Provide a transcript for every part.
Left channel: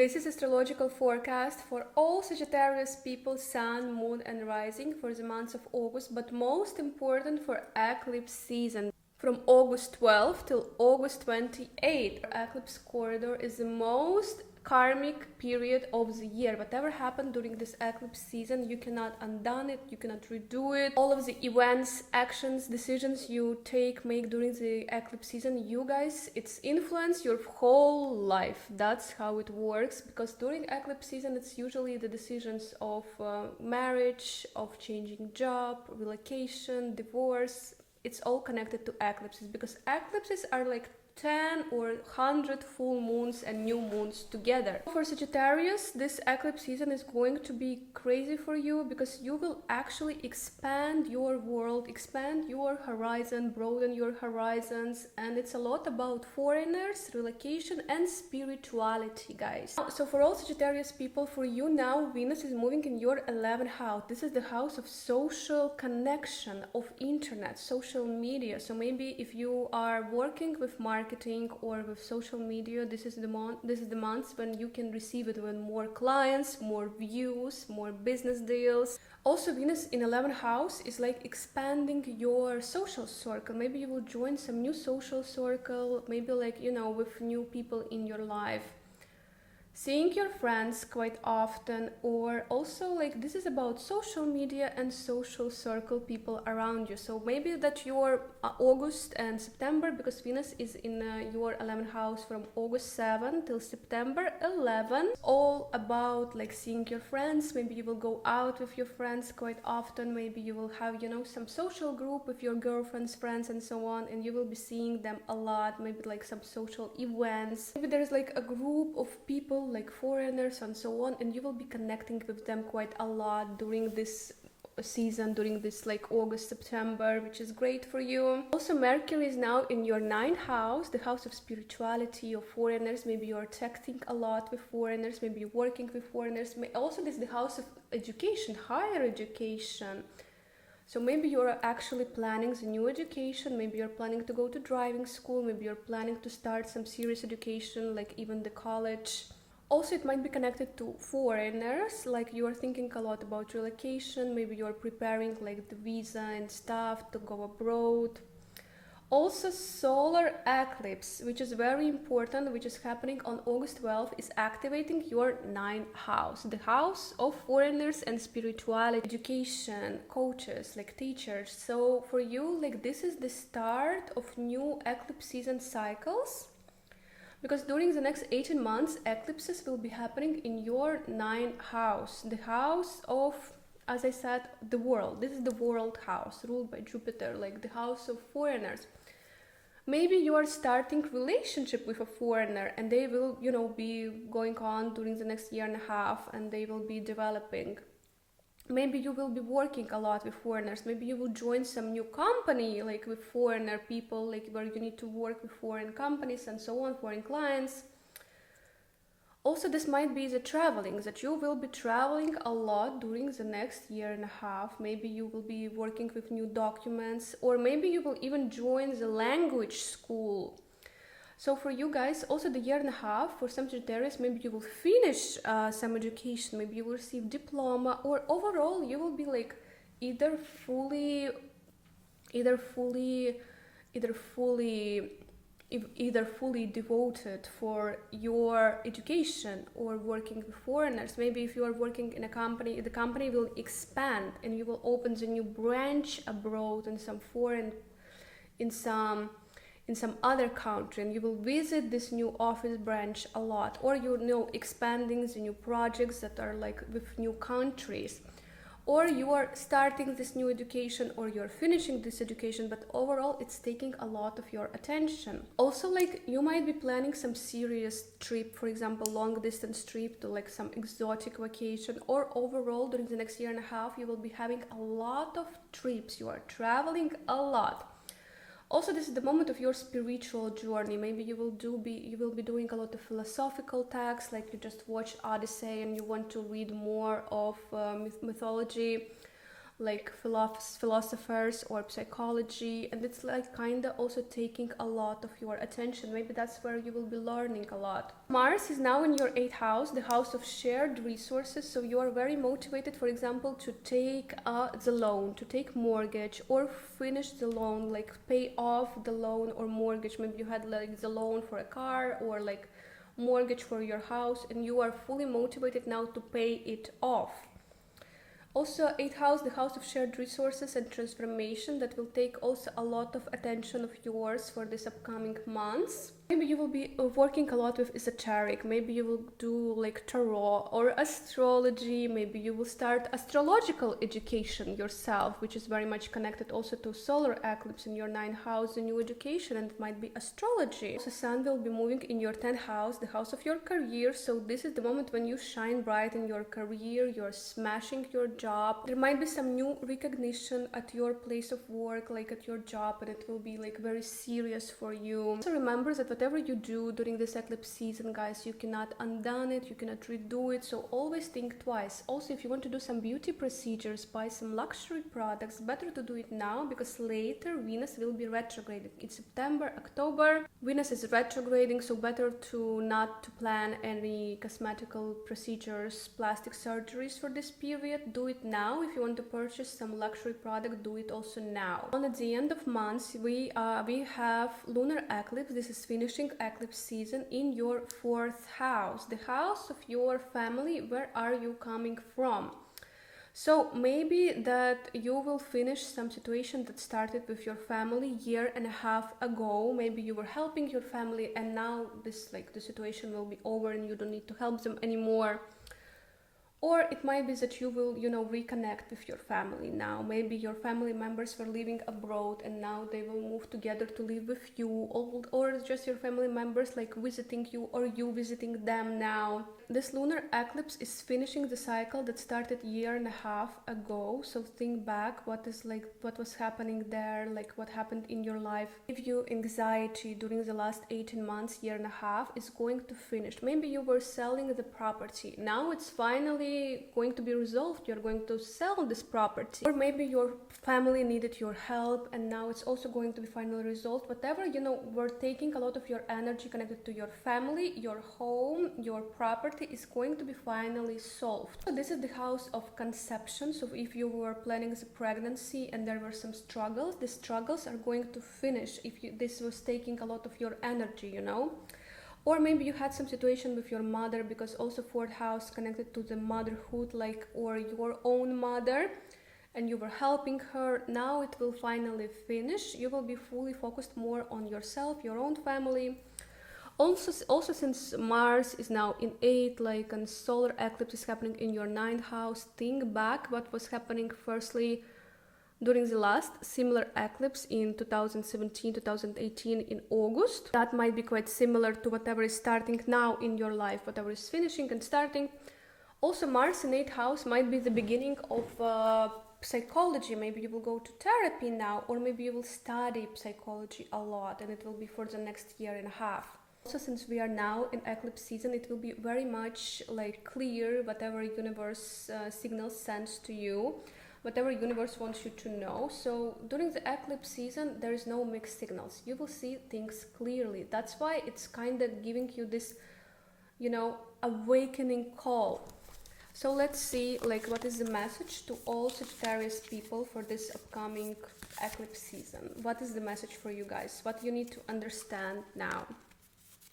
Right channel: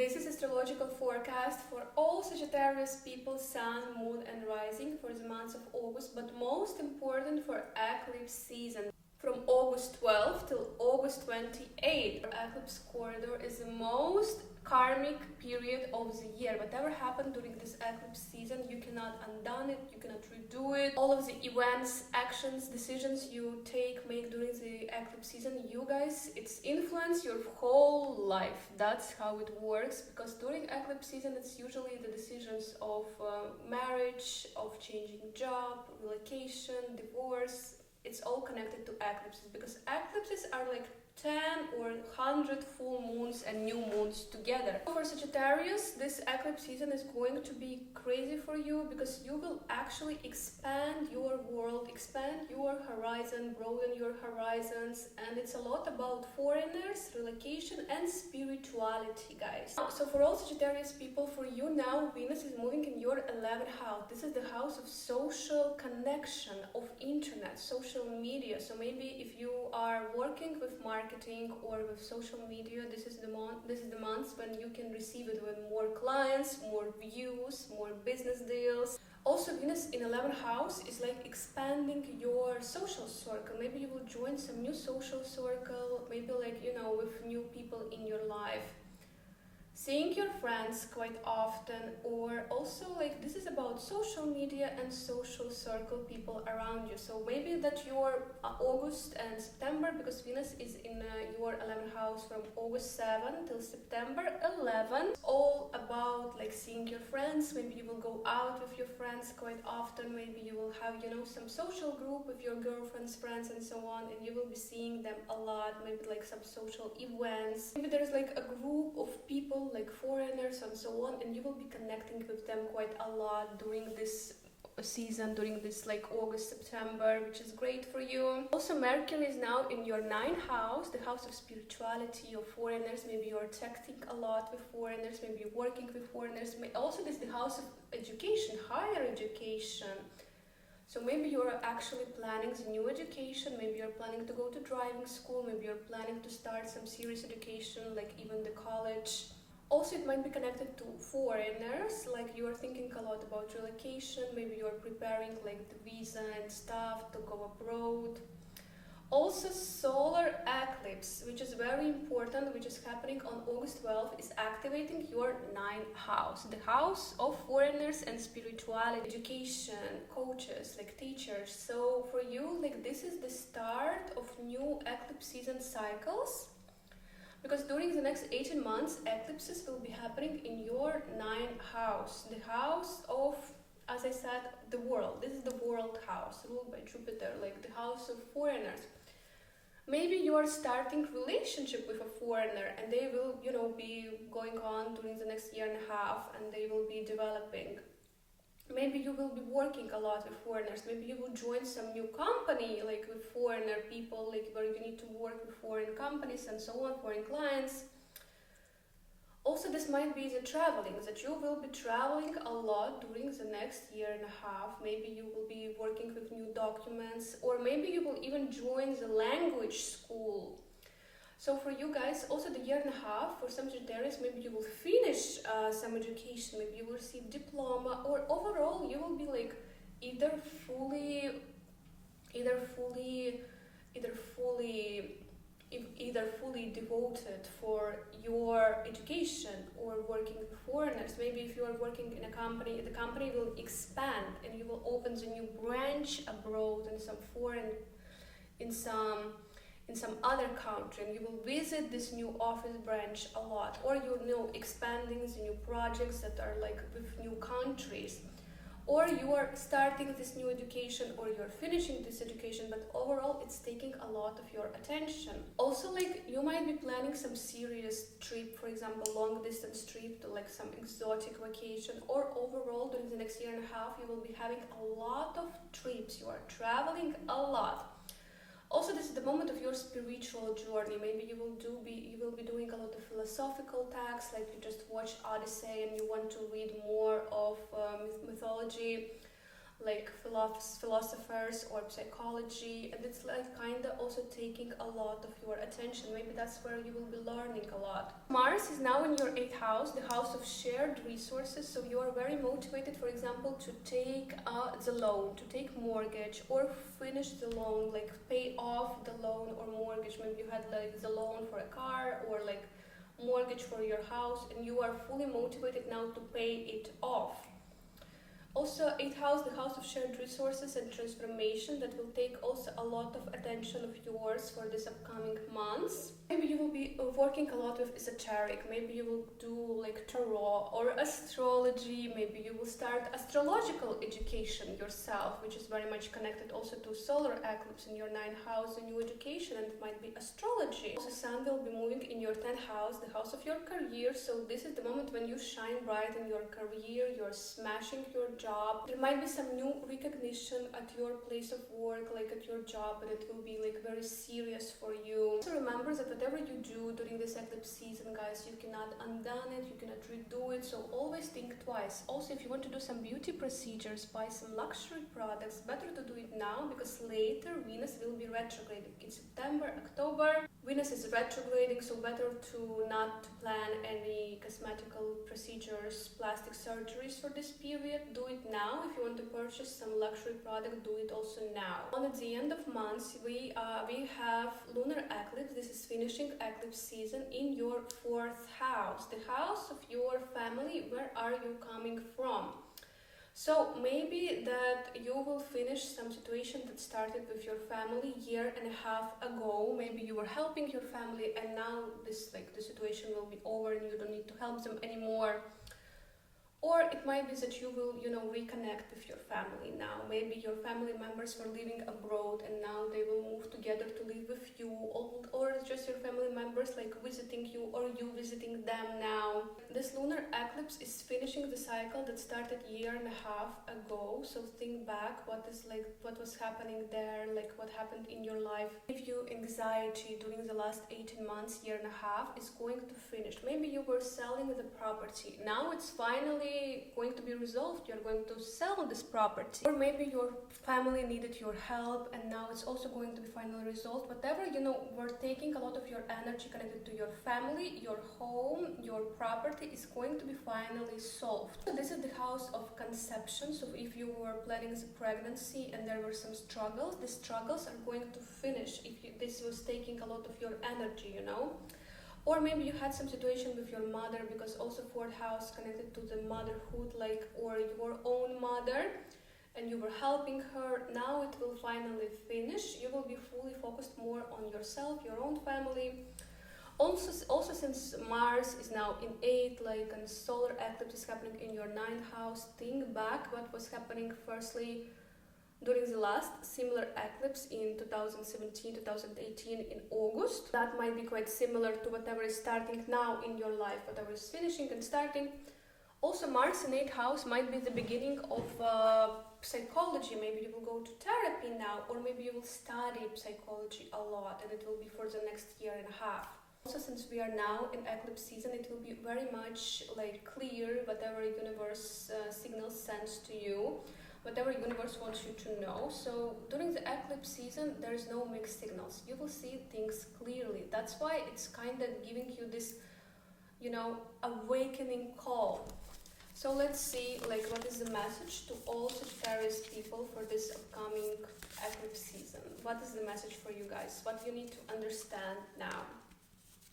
This is astrological forecast for all Sagittarius people, Sun, Moon and Rising for the months of August, but most important for eclipse season. From August 12th till August 28th, eclipse corridor is the most karmic period of the year. Whatever happened during this eclipse season, you cannot undo it, you cannot redo it. All of the events, actions, decisions you make during the eclipse season, you guys, it's influence your whole life. That's how it works, because during eclipse season it's usually the decisions of marriage, of changing job, relocation, divorce. It's all connected to eclipses, because eclipses are like 10 or 100 full moons and new moons together. For Sagittarius, this eclipse season is going to be crazy for you, because you will actually expand your world, expand your horizon, broaden your horizons, and it's a lot about foreigners, relocation and spirituality, guys. So for all Sagittarius people, for you now, Venus is moving in your 11th house. This is the house of social connection, of internet, social media. So maybe if you are working with marketing or with social media, this is the months when you can receive it, when more clients, more views, more business deals. Also, Venus in 11th house is like expanding your social circle. Maybe you will join some new social circle, maybe like, you know, with new people in your life. Seeing your friends quite often, or also like this is about social media and social circle people around you. So maybe that your August and September, because Venus is in your 11th house from August 7 till September 11, all about like seeing your friends. Maybe you will go out with your friends quite often, maybe you will have, you know, some social group with your girlfriends, friends and so on, and you will be seeing them a lot, maybe like some social events. Maybe there's like a group of people like foreigners and so on, and you will be connecting with them quite a lot during this season, during this like August, September, which is great for you. Also, Mercury is now in your 9th house, the house of spirituality, of foreigners. Maybe you're texting a lot with foreigners, maybe you're working with foreigners. Also, this is the house of education, higher education. So maybe you're actually planning the new education, maybe you're planning to go to driving school, maybe you're planning to start some serious education, like even the college. Also, it might be connected to foreigners, like you are thinking a lot about relocation, maybe you are preparing like the visa and stuff to go abroad. Also, solar eclipse, which is very important, which is happening on August 12th, is activating your 9th house, the house of foreigners and spirituality, education, coaches, like teachers. So for you, like this is the start of new eclipse season cycles. Because during the next 18 months, eclipses will be happening in your 9th house, the house of, as I said, the world. This is the world house, ruled by Jupiter, like the house of foreigners. Maybe you are starting relationship with a foreigner, and they will, you know, be going on during the next year and a half, and they will be developing. Maybe you will be working a lot with foreigners. Maybe you will join some new company, like with foreigner people, like where you need to work with foreign companies and so on, foreign clients. Also, this might be the traveling, that you will be traveling a lot during the next year and a half. Maybe you will be working with new documents, or maybe you will even join the language school. So for you guys, also the year and a half, for some Sagittarius, maybe you will finish some education, maybe you will receive diploma, or overall you will be like either fully devoted for your education or working with foreigners. Maybe if you are working in a company, the company will expand and you will open the new branch abroad in some foreign, in some other country, and you will visit this new office branch a lot, or you know, expanding the new projects that are like with new countries, or you are starting this new education, or you're finishing this education, but overall it's taking a lot of your attention. Also, like you might be planning some serious trip, for example long distance trip to like some exotic vacation, or overall during the next year and a half you will be having a lot of trips, you are traveling a lot. Also, this is the moment of your spiritual journey. Maybe you will be doing a lot of philosophical texts, like you just watch Odyssey and you want to read more of mythology. like philosophers or psychology, and it's like kind of also taking a lot of your attention. Maybe that's where you will be learning a lot. Mars is now in your 8th house, the house of shared resources, so you are very motivated, for example, to take the loan, to take mortgage or finish the loan, like pay off the loan or mortgage. Maybe you had like the loan for a car or like mortgage for your house, and you are fully motivated now to pay it off. Also, 8th house, the house of shared resources and transformation, that will take also a lot of attention of yours for this upcoming months. Maybe you will be working a lot with esoteric, maybe you will do like tarot or astrology, maybe you will start astrological education yourself, which is very much connected also to solar eclipse in your 9th house, the new education, and it might be astrology. Also, Sun will be moving in your 10th house, the house of your career, so this is the moment when you shine bright in your career, you're smashing your job. There might be some new recognition at your place of work, like at your job, and it will be like very serious for you. So remember that whatever you do during this eclipse season, guys, you cannot undo it, you cannot redo it, so always think twice. Also, if you want to do some beauty procedures, buy some luxury products, better to do it now, because later Venus will be retrograding in September, October. Venus is retrograding, so better to not to plan any cosmetical procedures, plastic surgeries for this period. Do it now. If you want to purchase some luxury product, do it also now. And at the end of months, we have lunar eclipse. This is finishing eclipse season in your 4th house, the house of your family. Where are you coming from? So maybe that you will finish some situation that started with your family year and a half ago. Maybe you were helping your family, and now this the situation will be over and you don't need to help them anymore. Or it might be that you will, reconnect with your family now. Maybe your family members were living abroad and now they will move together to live with you, or just your family members like visiting you or you visiting them now. This lunar eclipse is finishing the cycle that started year and a half ago. So think back, what was happening there, like what happened in your life. Give you anxiety during the last 18 months, year and a half, is going to finish. Maybe you were selling the property. Now it's finally going to be resolved. You're going to sell this property. Or maybe your family needed your help and now it's also going to be finally resolved. Whatever, we're taking a lot of your energy connected to your family, your home, your property is going to be finally solved. So this is the house of conception. So if you were planning the pregnancy and there were some struggles, the struggles are going to finish if this was taking a lot of your energy, Or maybe you had some situation with your mother, because also 4th house connected to the motherhood, or your own mother, and you were helping her. Now it will finally finish. You will be fully focused more on yourself, your own family. Also since Mars is now in 8, and solar eclipse is happening in your 9th house, think back what was happening firstly during the last similar eclipse in 2017-2018 in August. That might be quite similar to whatever is starting now in your life, whatever is finishing and starting. Also, Mars in 8th house might be the beginning of psychology. Maybe you will go to therapy now, or maybe you will study psychology a lot, and it will be for the next year and a half. Also, since we are now in eclipse season, it will be very much clear whatever universe signals sends to you, whatever universe wants you to know. So during the eclipse season, there is no mixed signals. You will see things clearly. That's why it's kind of giving you this, awakening call. So let's see, what is the message to all Sagittarius people for this upcoming eclipse season? What is the message for you guys? What you need to understand now?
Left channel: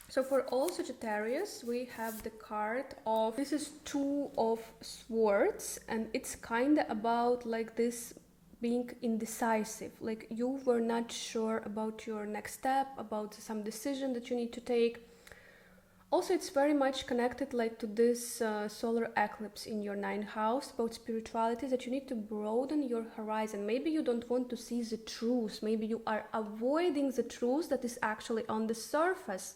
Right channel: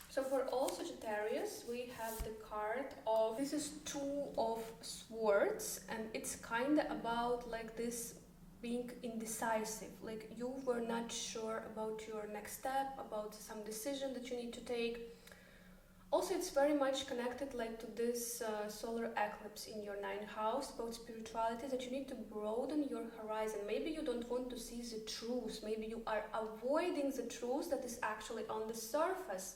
So for all Sagittarius, we have the card of, this is 2 of Swords, and it's kind of about this being indecisive, you were not sure about your next step, about some decision that you need to take. Also, it's very much connected to this solar eclipse in your 9th house, about spirituality, that you need to broaden your horizon. Maybe you don't want to see the truth, maybe you are avoiding the truth that is actually on the surface,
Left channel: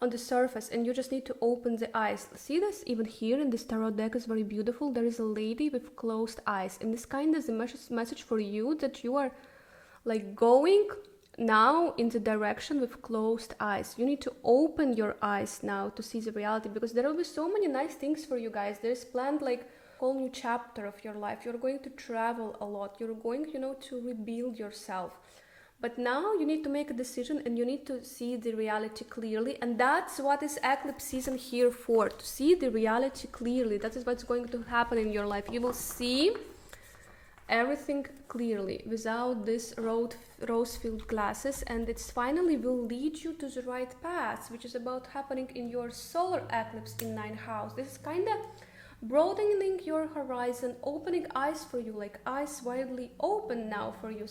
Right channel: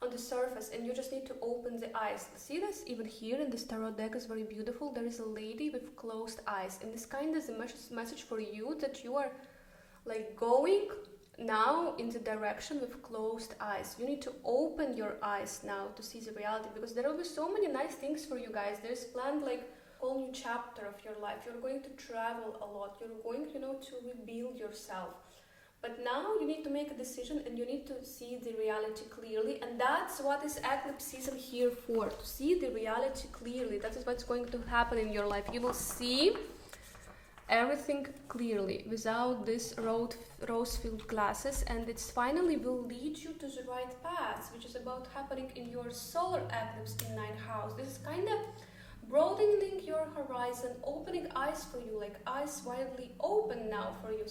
and you just need to open the eyes. See this even here in this tarot deck is very beautiful. There is a lady with closed eyes, and this kind of is a message for you that you are going now in the direction with closed eyes. You need to open your eyes now to see the reality, because there will be so many nice things for you guys. There's planned whole new chapter of your life. You're going to travel a lot. You're going, to rebuild yourself. But now you need to make a decision and you need to see the reality clearly. And that's what is eclipse season here for, to see the reality clearly. That is what's going to happen in your life. You will see everything clearly without this rose-filled glasses, and it finally will lead you to the right path, which is about happening in your solar eclipse in 9th house. This is kind of broadening your horizon, opening eyes for you, like eyes widely open now for you.